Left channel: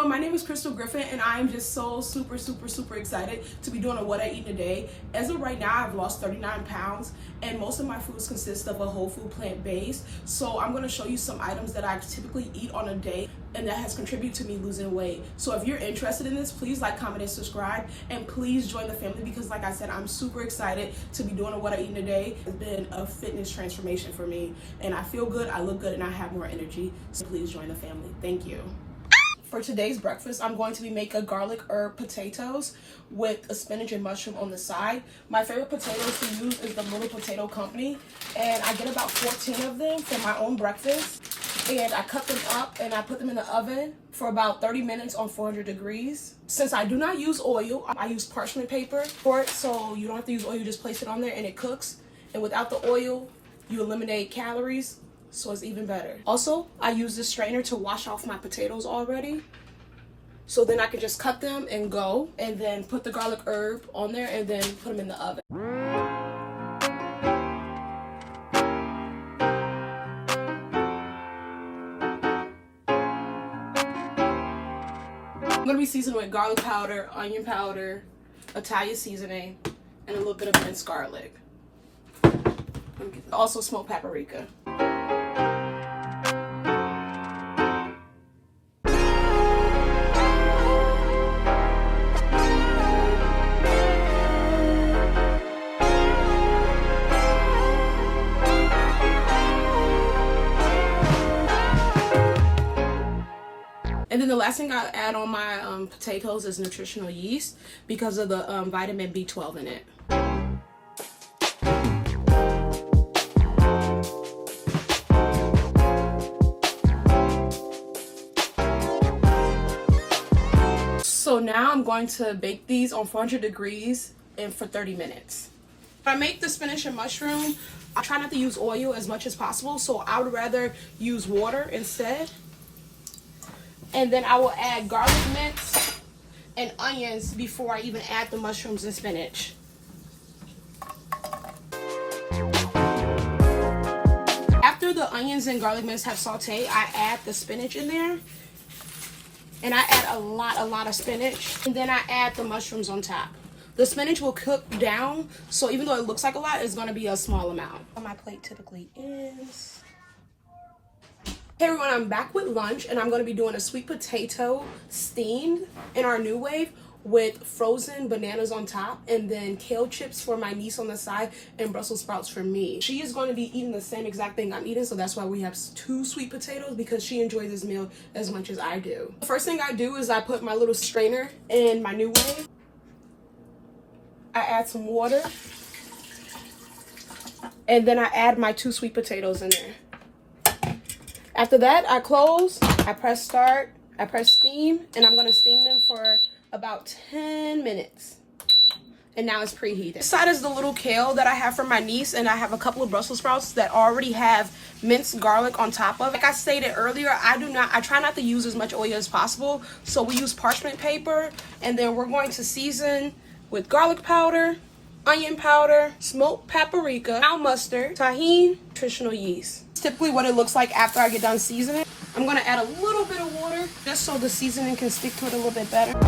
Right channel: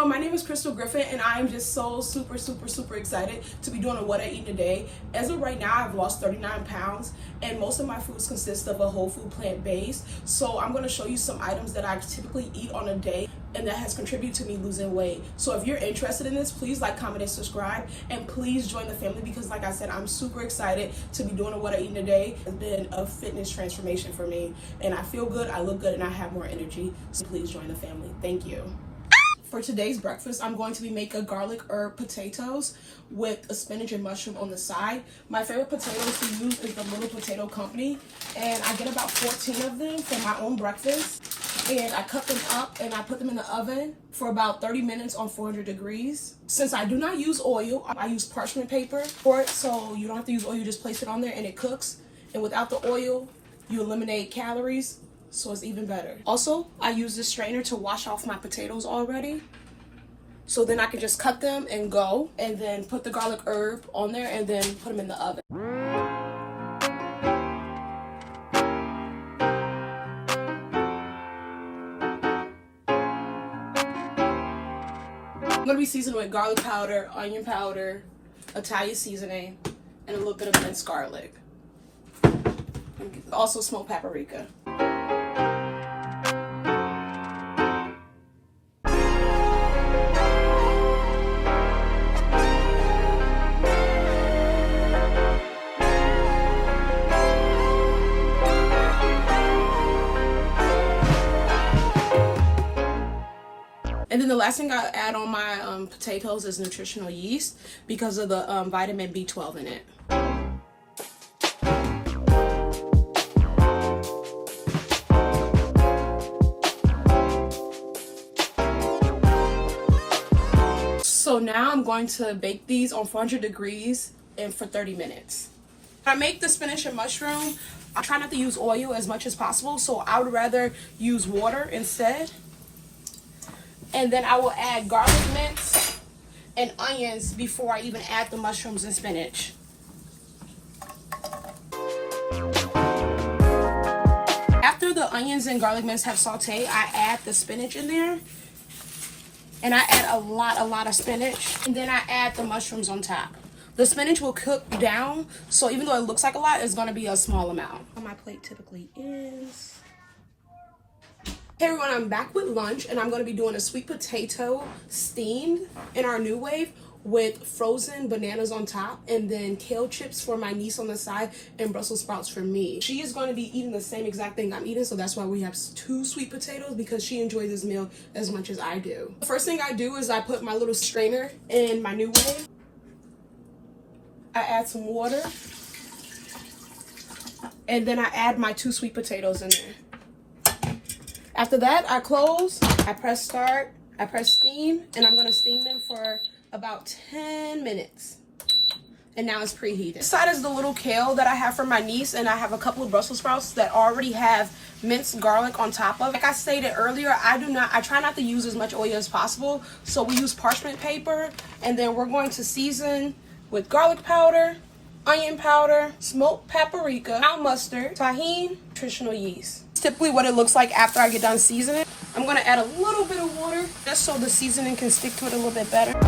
everyone, my name is Crystal Griffin and I am just so super excited to be doing a what I eat in a day. As of right now, I've lost 39 pounds and most of my foods consist of a whole food plant-based. So I'm going to show you some items that I typically eat on a day and that has contributed to me losing weight. So if you're interested in this, please like, comment, and subscribe, and please join the family because like I said, I'm super excited to be doing a what I eat in a day. It's been a fitness transformation for me and I feel good, I look good, and I have more energy. So please join the family. Thank you. For today's breakfast, I'm going to be making garlic herb potatoes with a spinach and mushroom on the side. My favorite potatoes to use is the Little Potato Company, and I get about 14 of them for my own breakfast. And I cut them up and I put them in the oven for about 30 minutes on 400 degrees. Since I do not use oil, I use parchment paper for it, so you don't have to use oil, you just place it on there and it cooks. And without the oil, you eliminate calories, so it's even better. Also, I use this strainer to wash off my potatoes already. So then I can just cut them and go, and then put the garlic herb on there and then put them in the oven. I'm gonna be seasoning with garlic powder, onion powder, Italian seasoning, and a little bit of minced garlic. Also smoked paprika. And then the last thing I add on my potatoes is nutritional yeast because of the vitamin B12 in it. So now I'm going to bake these on 400 degrees and for 30 minutes. When I make the spinach and mushroom, I try not to use oil as much as possible, so I would rather use water instead. And then I will add garlic mince and onions before I even add the mushrooms and spinach. After the onions and garlic mince have sauteed, I add the spinach in there. And I add a lot of spinach. And then I add the mushrooms on top. The spinach will cook down, so even though it looks like a lot, it's gonna be a small amount. My plate typically is... Hey everyone, I'm back with lunch and I'm going to be doing a sweet potato steamed in our new wave with frozen bananas on top and then kale chips for my niece on the side and Brussels sprouts for me. She is going to be eating the same exact thing I'm eating, so that's why we have 2 sweet potatoes because she enjoys this meal as much as I do. The first thing I do is I put my little strainer in my new wave. I add some water and then I add my 2 sweet potatoes in there. After that, I close, I press start, I press steam, and I'm gonna steam them for about 10 minutes. And now it's preheated. This side is the little kale that I have for my niece, and I have a couple of Brussels sprouts that already have minced garlic on top of it. Like I stated earlier, I try not to use as much oil as possible, so we use parchment paper, and then we're going to season with garlic powder, onion powder, smoked paprika, brown mustard, tahini, nutritional yeast. It's typically what it looks like after I get done seasoning. I'm gonna add a little bit of water just so the seasoning can stick to it a little bit better.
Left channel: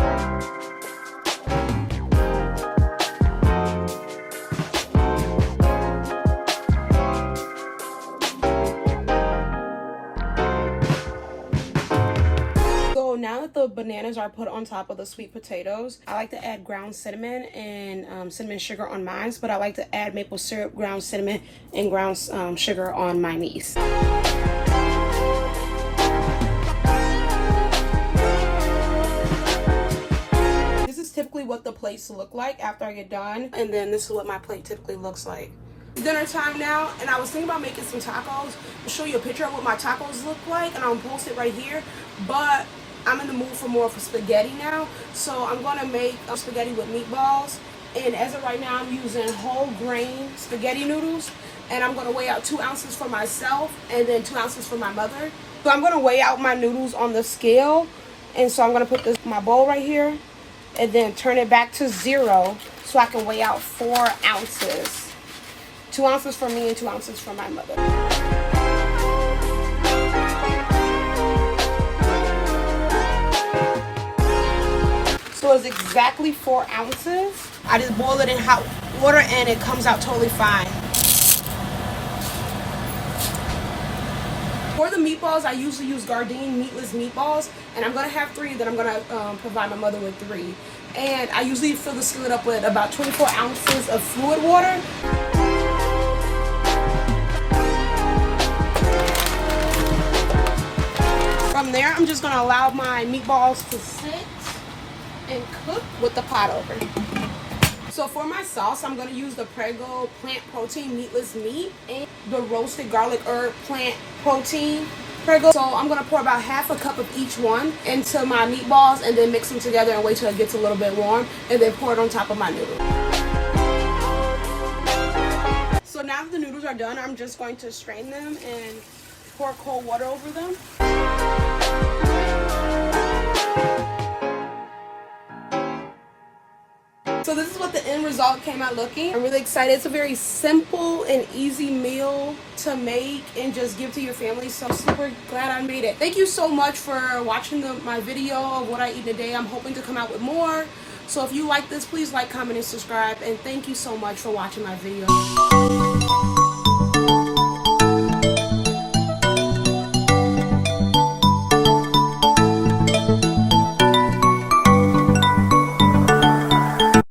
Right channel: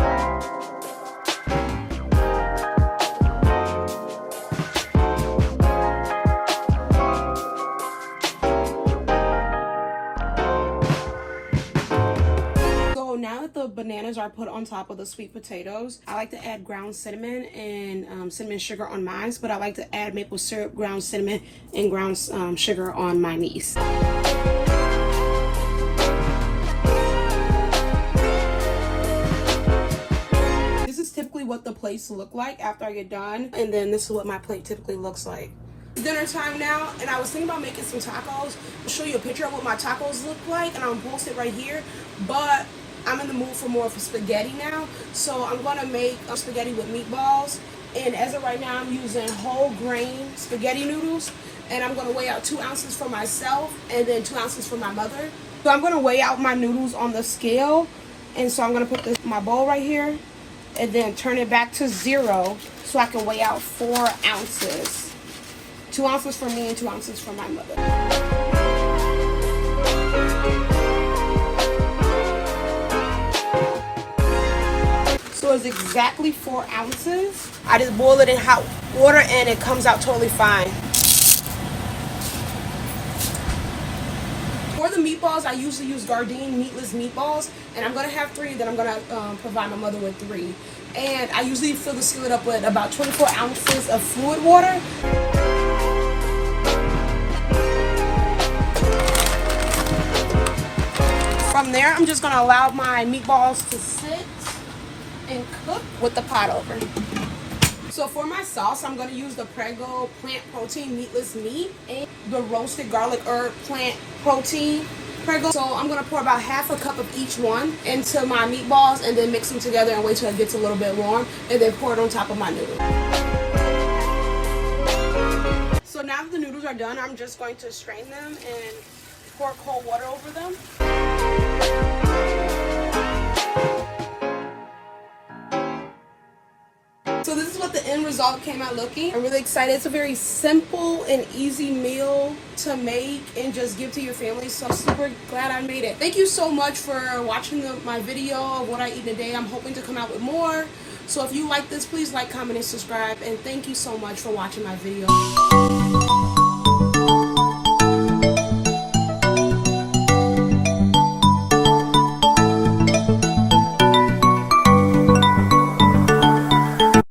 Now that the bananas are put on top of the sweet potatoes, I like to add ground cinnamon and cinnamon sugar on mine, but I like to add maple syrup, ground cinnamon, and ground sugar on my niece. This is typically what the plates look like after I get done, and then this is what my plate typically looks like. It's dinner time now, and I was thinking about making some tacos. I'll show you a picture of what my tacos look like, and I'll post it right here, but I'm in the mood for more of spaghetti now, so I'm going to make spaghetti with meatballs. And as of right now, I'm using whole grain spaghetti noodles, and I'm going to weigh out 2 ounces for myself and then 2 ounces for my mother. So I'm going to weigh out my noodles on the scale, and so I'm going to put this in my bowl right here and then turn it back to 0 so I can weigh out 4 ounces. 2 ounces for me and 2 ounces for my mother. is exactly 4 ounces. I just boil it in hot water and it comes out totally fine. For the meatballs, I usually use Gardein meatless meatballs, and I'm gonna have 3. Then I'm gonna provide my mother with 3. And I usually fill the skillet up with about 24 ounces of fluid water. From there, I'm just gonna allow my meatballs to sit and cook with the pot open. So for my sauce, I'm going to use the Prego plant protein meatless meat and the roasted garlic herb plant protein Prego. So I'm going to pour about half a cup of each one into my meatballs and then mix them together and wait till it gets a little bit warm and then pour it on top of my noodles. So now that the noodles are done, I'm just going to strain them and pour cold water over them. So this is what the end result came out looking. I'm really excited. It's a very simple and easy meal to make and just give to your family. So I'm super glad I made it. Thank you so much for watching my video of what I eat in a day. I'm hoping to come out with more. So if you like this, please like, comment, and subscribe. And thank you so much for watching my video.